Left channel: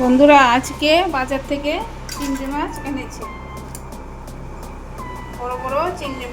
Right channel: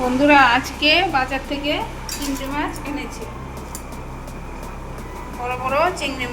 বন্ধুরা, আজকে বাজার থেকে চিংড়ি মাছ এনেছি। বড় বড় চিংড়ি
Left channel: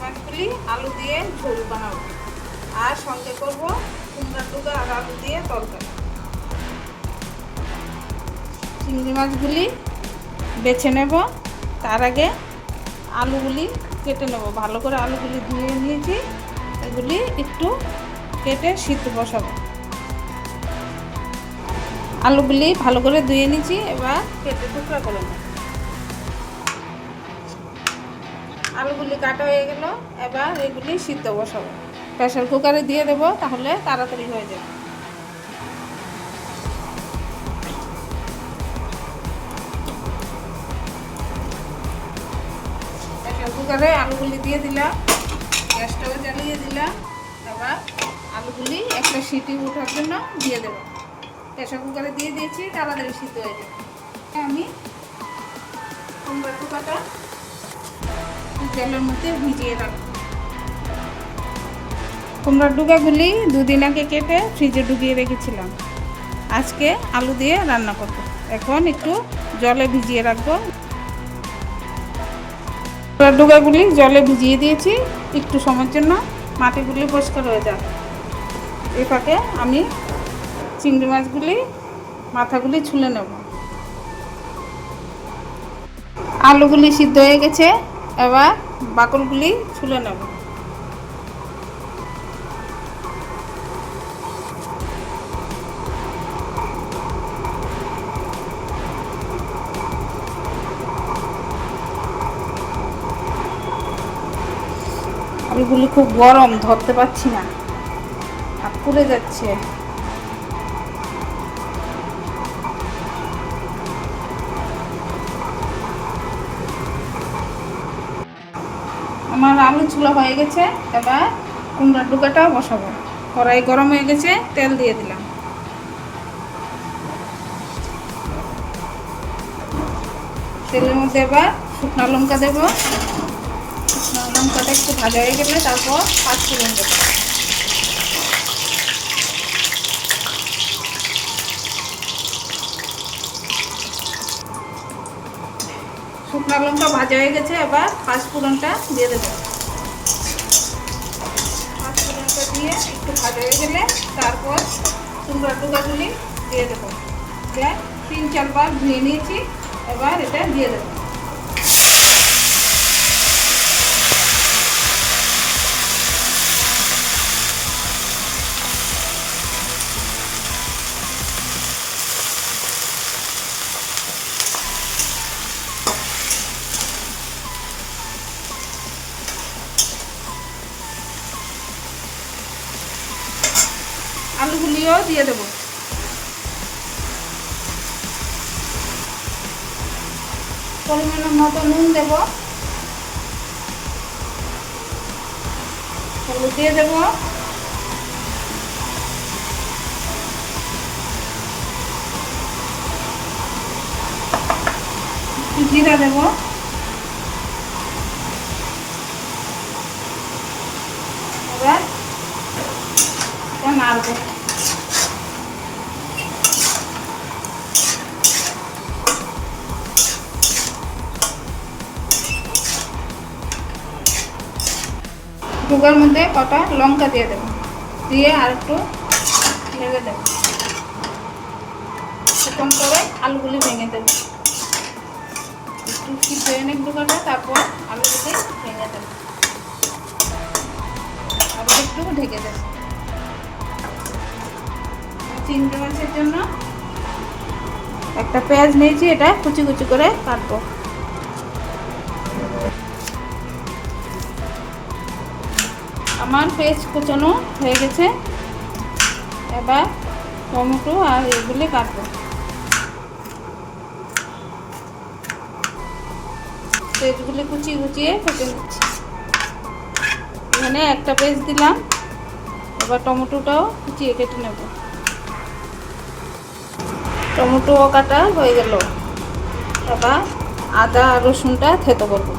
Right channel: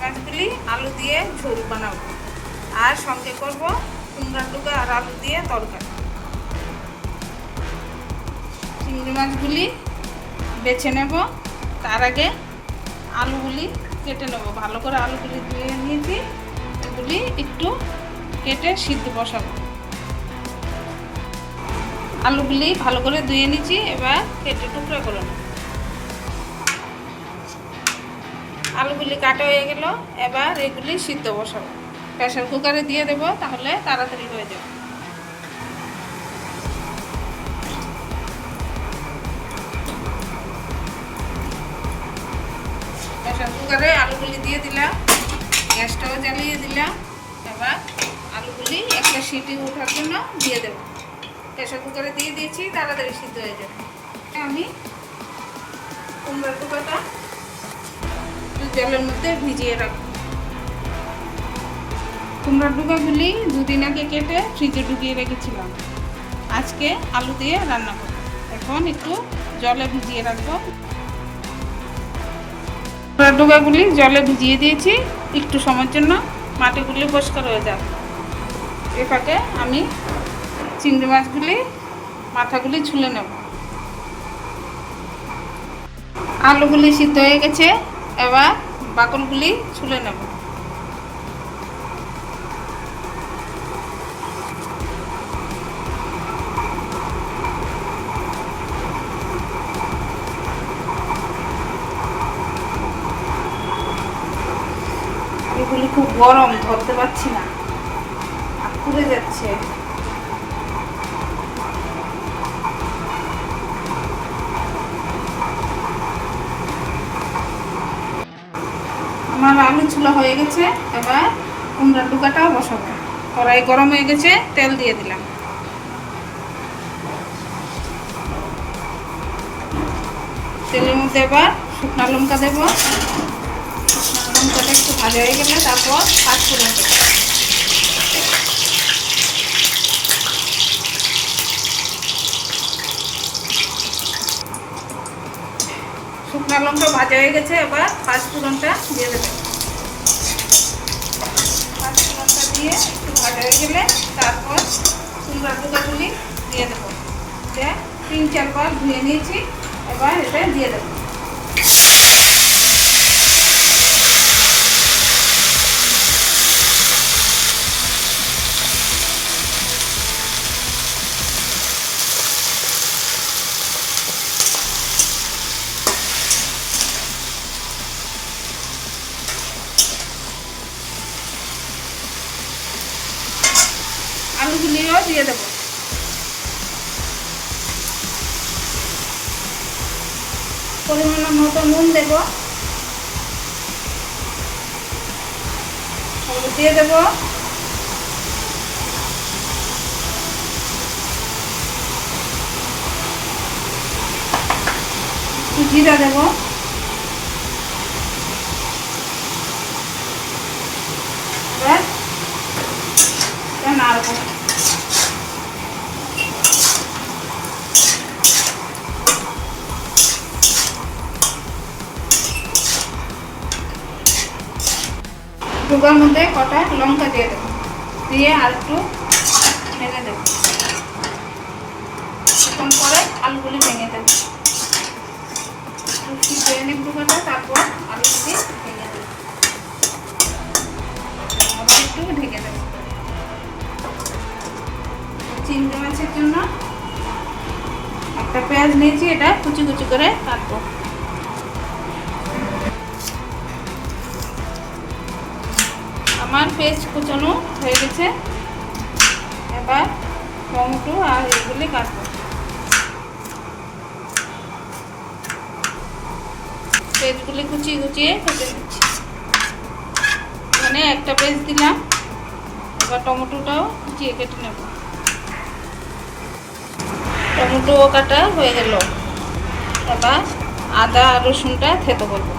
মাছগুলি আলু দিয়ে ঝোল বানাবো, আর সঙ্গে করব কুমড়ার ডুগা আর আলু দিয়ে তরকারি। চিংড়ি মাছগুলি বেছে নেব, তার আগে আলুগুলি কেটে নেব। ভালো করে আলুগুলি ধুয়ে নিয়েছি, এগুলি একটু কেটে সিদ্ধ বসাবো। আলুগুলি ভালো করে ধুয়ে নিয়েছি, এবার কেটে টুকরা করে নেব। আলুগুলি কাটা হয়ে গেল, এবার এগুলি সিদ্ধ বসাবো। প্রেসার কুকারে দিয়ে দেবো, তাহলে তাড়াতাড়ি হয়ে যাবে। প্রেসার কুকারে আলুগুলি দিয়ে দিলাম, গ্যাসটাও জ্বালিয়ে দিলাম। এবার আলুগুলি একটা সিটি ওঠার জন্য দিয়ে দেবো। প্রেসার কুকারে দিয়ে দিয়েছি, তাড়াতাড়ি সিদ্ধ হয়ে যাবে। আমি কুমড়ার ডুকাটা জলের মধ্যে ভিজিয়ে রাখবো। কুমড়ার ডুকাগুলি দুদিন আগে কেটে ফ্রিজে ঢুকিয়ে রেখেছিলাম। আজকে আলু দিয়ে রান্না করবো। এখন একটু জলে ভিজিয়ে রাখবো। কুমড়ার ডুকাগুলি জলে ভিজিয়ে দিয়েছি, একটু সময়ের জন্য মাটিগুলি পরিষ্কার হয়ে যায়। এ ফাঁকে আমি চিংড়ি মাছগুলি মাথাগুলি ছুলে নেব। আলুগুলি সিদ্ধ হয়ে গেছে, এবার বাকলগুলি ছুলে নেব। আলুগুলি খুব গরম, ধরতে পারছি না, আর পুড়ে যাচ্ছে। আমার আলু ছোলা হয়ে গেছে, এবার কুমড়ার ডুকাটাও বসাবো। কড়াই গরম হয়ে গেছে, তেল দিয়ে দিলাম। তেলের মধ্যে এবার শুকনো লঙ্কা দেবো। শুকনো লঙ্কাটা একটু ভাজা হয়ে গেলে তারপর পাঁচফোড়ন দেবো। শুকনো লঙ্কা ভাজা হয়ে গেছে, এবার পাঁচফোড়নটা দিয়ে দেবো। পাঁচফোড়নটা দিয়ে একটু ভাজা হয়ে গেলে তারপর কুমড়ার ডুকাগুলি দিয়ে দেবো। দিয়ে 3-4 বার ধুয়ে নিয়েছি, এবার এটা দিয়ে দেবো। আলুগুলিও দিয়ে দেবো। পরিমাণ মতো নুন দেব, হলুদ দিয়ে দেব, জিরা দেব, এবার নাড়বো। ডুবার মধ্যে কটা লঙ্কা দিয়ে দেবো, দিয়ে আর একটু ভেঙে দেবো। কিছুক্ষণ পরে আলুগুলি ভেঙে দেবো। একটু সিদ্ধ এনে ডুবাটা, তারপর আলুগুলি ভেঙে দেবো। আবার একটু ঢেকে দেবো। চিংড়ি মাছের জন্য একটা পেঁয়াজ নিয়েছি, এটা কুচি কুচি করে কাটবো। আমার পেঁয়াজ কুচানো হয়ে গেছে, এবার টমেটো আর এগুলি কাটবো। পেঁয়াজগুলি কুচিয়ে কুচিয়ে কেটে নিচ্ছি। এখানে একটা পেঁয়াজ দিলাম, এবার টমেটোটাও কুচিয়ে কেটে নেব। টমেটো কাটা হয়ে গেল, এবার আদা আর রসুনটা থেতো করবো।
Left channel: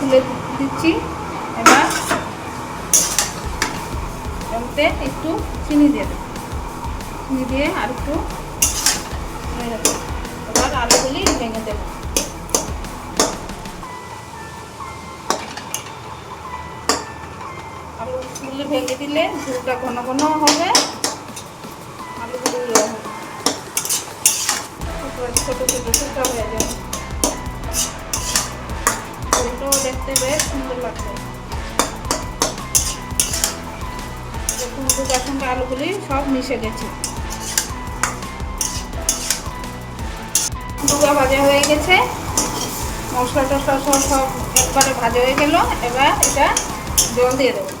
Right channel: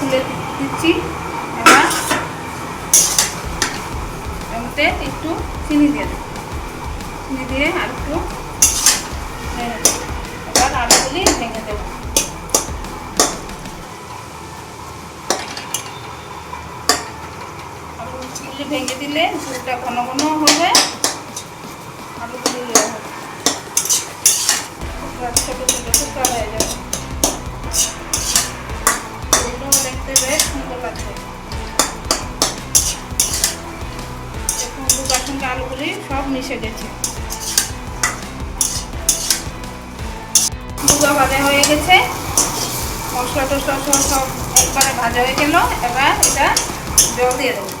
খুলে দিচ্ছি। এবার এতে একটু চিনি দিয়ে দেবো, চিনি দিয়ে আর একটু ভেঙে দেবো। এবার আলুগুলি ভেঙে দেবো। আলুগুলি ভেঙে দিলে ঝোলটা ঘন ঘন হবে, আলুগুলি ছোটো ছোটো টুকরা হয়ে যাবে। ঝোলটাও দেখতে বেশ সুন্দর লাগবে। দেখুন দুটার সঙ্গে আলুগুলি সব মিশে গেছে। দুটো ভাজা হয়ে গেছে, মশলা টসলা সব একবারে ভাজা হয়ে গেল। এবার এটা জল দিয়ে দেবো।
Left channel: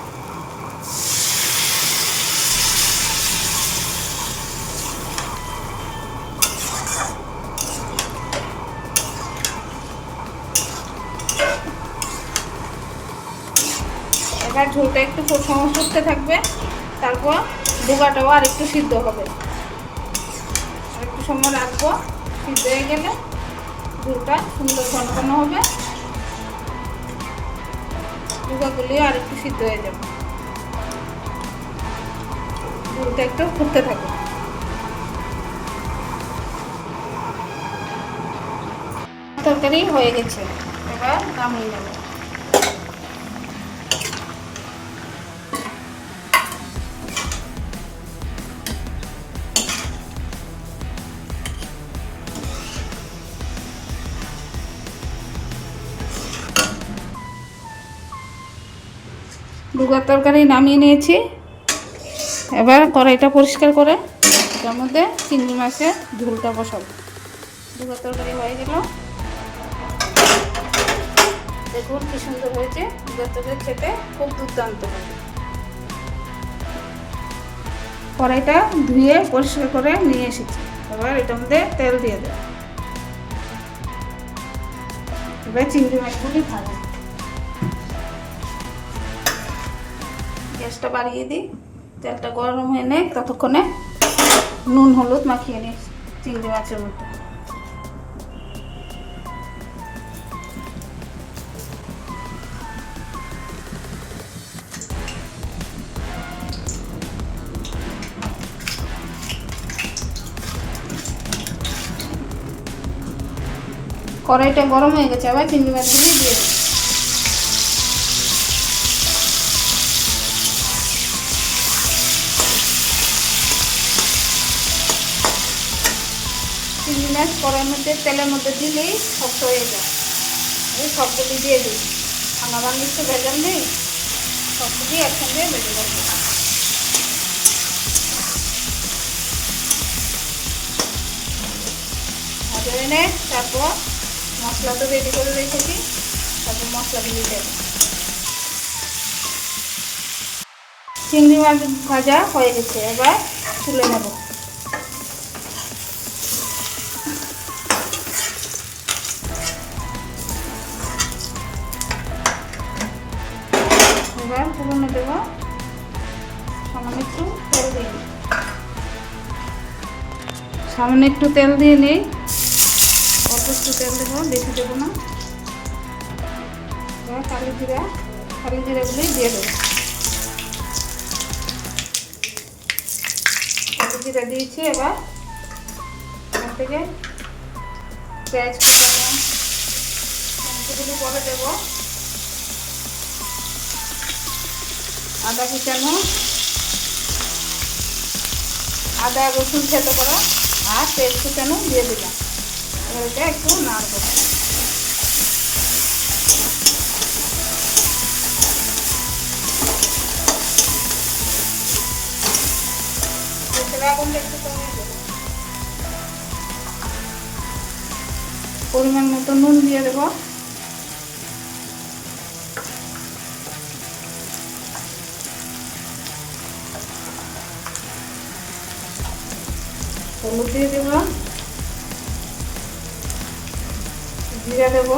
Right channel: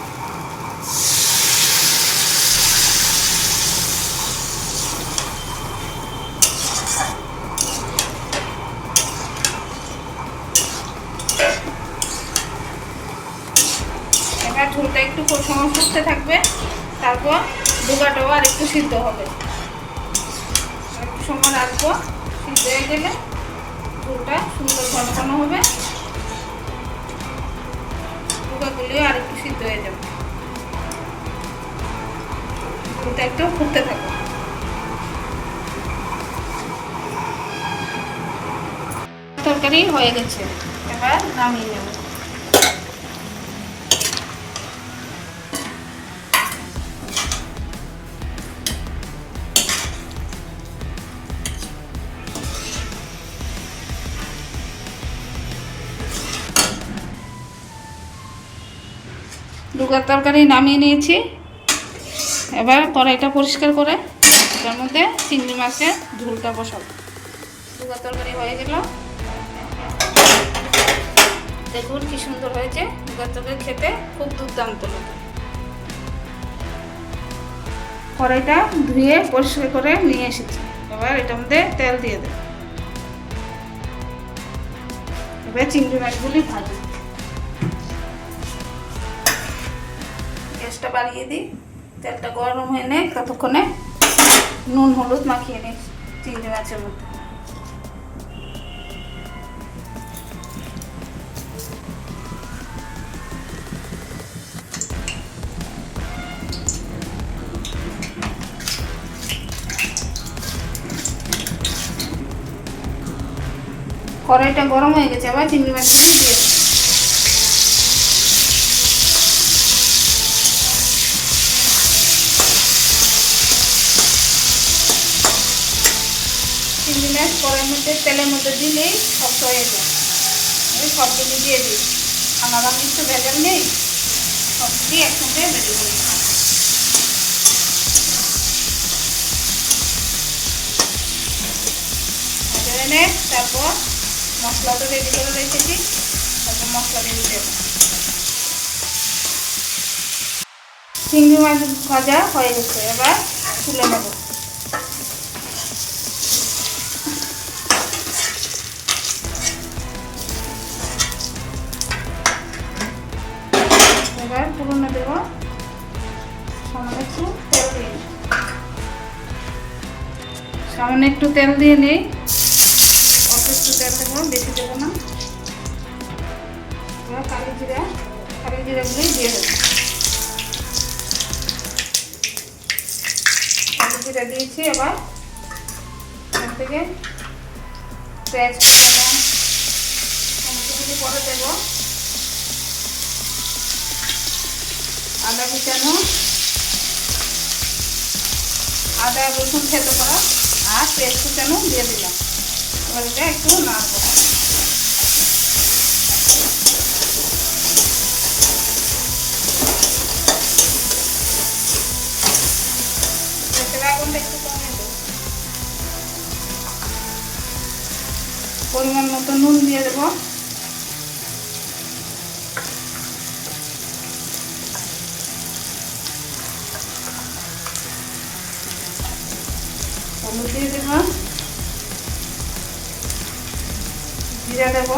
এবার ঝোলটা একটু ফুটতে থাকবে, তারপর ডোকাটাও আর একটু সিদ্ধ হবে। একটু সময় রাখবো, সিদ্ধ হয়ে গেলে ঝোলটা সুন্দর ঘন হবে। ডোকাগুলি আর একটু সিদ্ধ হয়ে যাবে, ঝোলটা একটু ফুটতে থাকবে। তরকারি হয়ে গেছে, এবার নামিয়ে নেব। ডুগার তরকারি নামিয়ে নিয়েছি। এবার কড়াইটা পরিষ্কার করে তার মধ্যে চিংড়ি মাছের ঝোলটা বসাবো। ডুগার তরকারি হয়ে গেল, দেখুন কি সুন্দর হয়েছে। ডুগার তরকারি খেতে খুব দুর্দান্ত লাগে। কড়াইটা ধুয়ে পরিষ্কার করে নিয়ে এসেছি। এবার এটার মধ্যে তেল দিয়ে দেব। এবার চিংড়ি মাছগুলি ভাজা। গ্যাসটা বাড়িয়ে দিই, তেলটা গরম হয়ে নে, ততক্ষণে নুন হলুদ মাখিয়ে নিই চিংড়ি মাছের মধ্যে। কড়াইটা গরম হয়ে গেছে, আবার চিংড়ি মাছগুলি দিয়ে দিই। চিংড়ি মাছ কড়াইয়ের মধ্যে তেলের মধ্যে দিলেই শক্ত হয়ে যায়। আমি সবগুলি দিয়ে দিই, আমার একটু ভেজাল নেই, সবগুলি একসঙ্গে ভেজে দেবো। ভেজে এনে তারপর মশলা তো রেডি করে রেখেছি, তারপর মশলা দিয়ে দেব। চিংড়ি মাছ ভাজা হয়ে গেছে, এবার তুলে নেব। এবার ফোড়নে দেব, সামান্য একটু তেল দিয়ে নিই। সামান্য একটু তেল দিয়ে নিই, অল্প একটু তেল দেবো, বেশি দেবো না। এবার কালি জিরাগুলি দিয়ে দেবো। কালি জিরা দিয়েছি, এবার এখান থেকে পেঁয়াজ কুচানো পরে দেবো। আদা কুচানো, আদা রসুন থেতো করা আর পেঁয়াজ কুচানো দিয়ে দিলাম। এবার এটা একটু নাড়বো। আগুনটা একটু কমিয়ে দেবো। পরিমাণ মতো নুন দিয়ে দেবো। হলুদ দিয়ে দেব, জিরা দেব,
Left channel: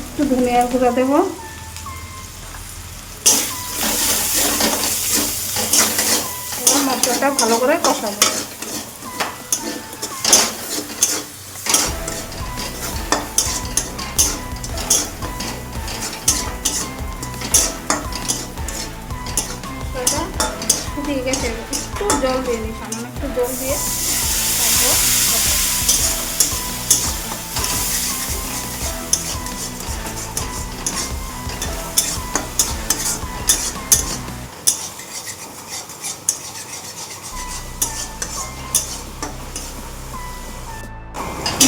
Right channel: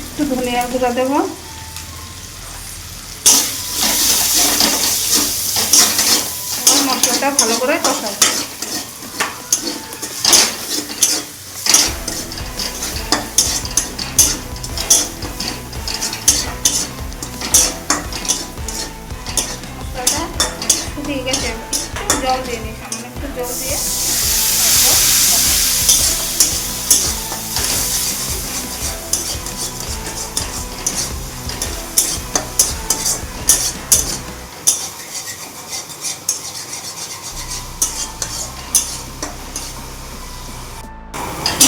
একটু ধনিয়ার গুঁড়া দেব, মশলাটা ভালো করে কষাবো। একটু জল দিয়ে নিই, সামান্য একটু জল দিয়ে তারপর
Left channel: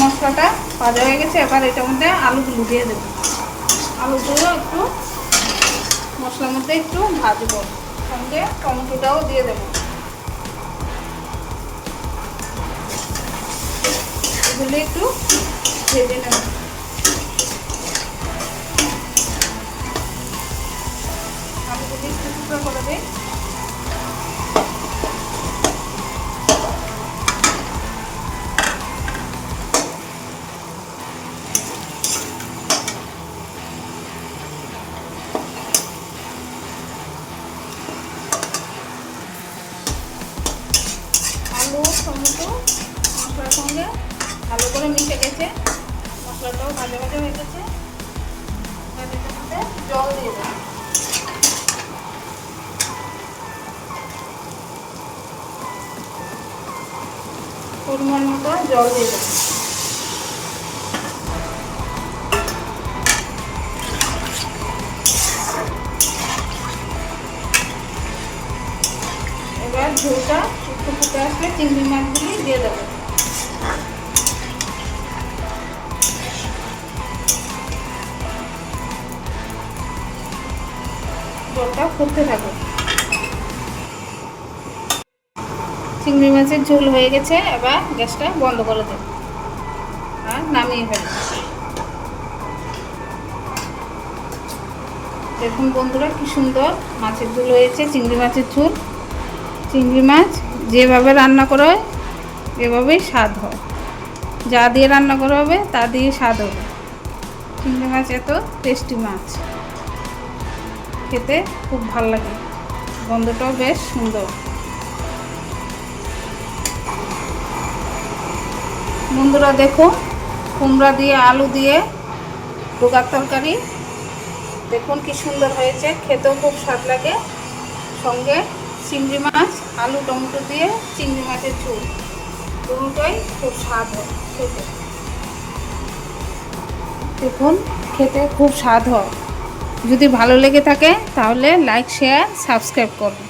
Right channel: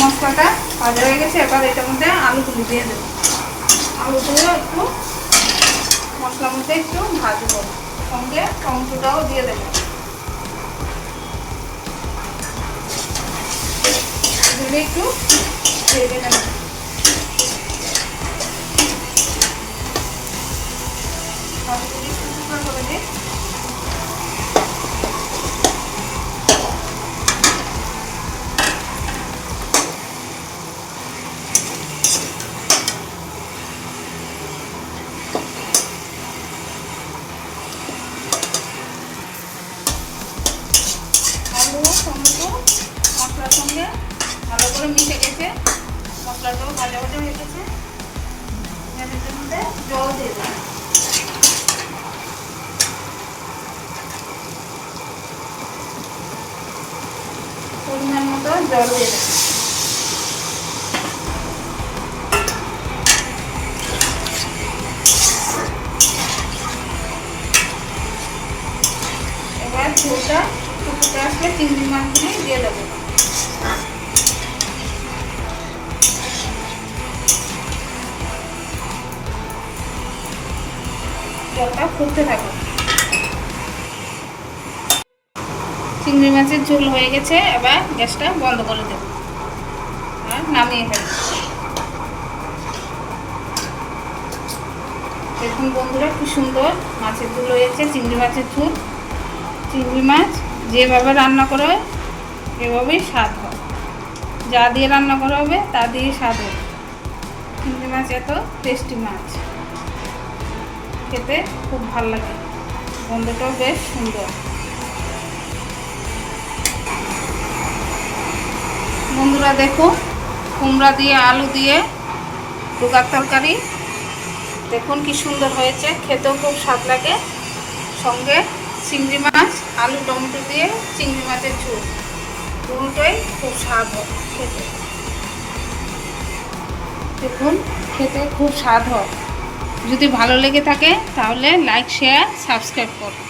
মশলাটা ভাজা হয়ে গেছে। এবার এটার মধ্যে আলুগুলো দিয়ে দেবো। আলুগুলো একটু মশলার মধ্যে একটু ভাজবো, সঙ্গে টমেটোটাও দিয়ে দেবো। এগুলো একটু ভেজে নেব। আলুগুলো একটু টুকরো করে দিই। আলু টমেটো মশলার সঙ্গে ভালো করে মিশে গেছে, মশলাটাও ভাজা ভাজা হয়ে গেছে। এর মধ্যে জল দিয়ে দেবো। পরিমাণ মতো জল দিয়ে দেবো। এবার ঝোলটা একটু ফুটে আসলে চিংড়ি মাছগুলি দিয়ে দেবো। জলটা ফুটতে থাকে। চিংড়ি মাছের ঝোল হয়ে গেছে। এবার গ্যাসটা বন্ধ করে দেব আর নামিয়ে ফেলব। দেখুন বন্ধুরা, কি সুন্দর মাছের ঝোল হয়েছে, চিংড়ি মাছের ঝোল। চিংড়ি মাছ যেভাবে রান্না করা হয় এভাবেই স্বাদ হয়। যা দিয়ে রান্না করা হবে তা দিয়ে স্বাদ হবে। চিংড়ি মাছ এত টেস্টি মাছ, খেতে খুব ভালো লাগে, গন্ধটাও বেশ সুন্দর। বন্ধুরা দেখো, কুমড়া দিয়ে আলু দিয়ে ডোকার তরকারি দেখুন কি সুন্দর হয়েছে, খেতেও খুব স্বাদ লাগে। সঙ্গে চিংড়ি মাছ আলু টমেটো দিয়ে চিংড়ি মাছের ঝোল, দুটোই খুব স্বাদ হয় খেতে। দেখুন খেতে খুব স্বাদ হয়। যদি ভালো লেগে থাকে তাহলে লাইক শেয়ার সাবস্ক্রাইব করুন।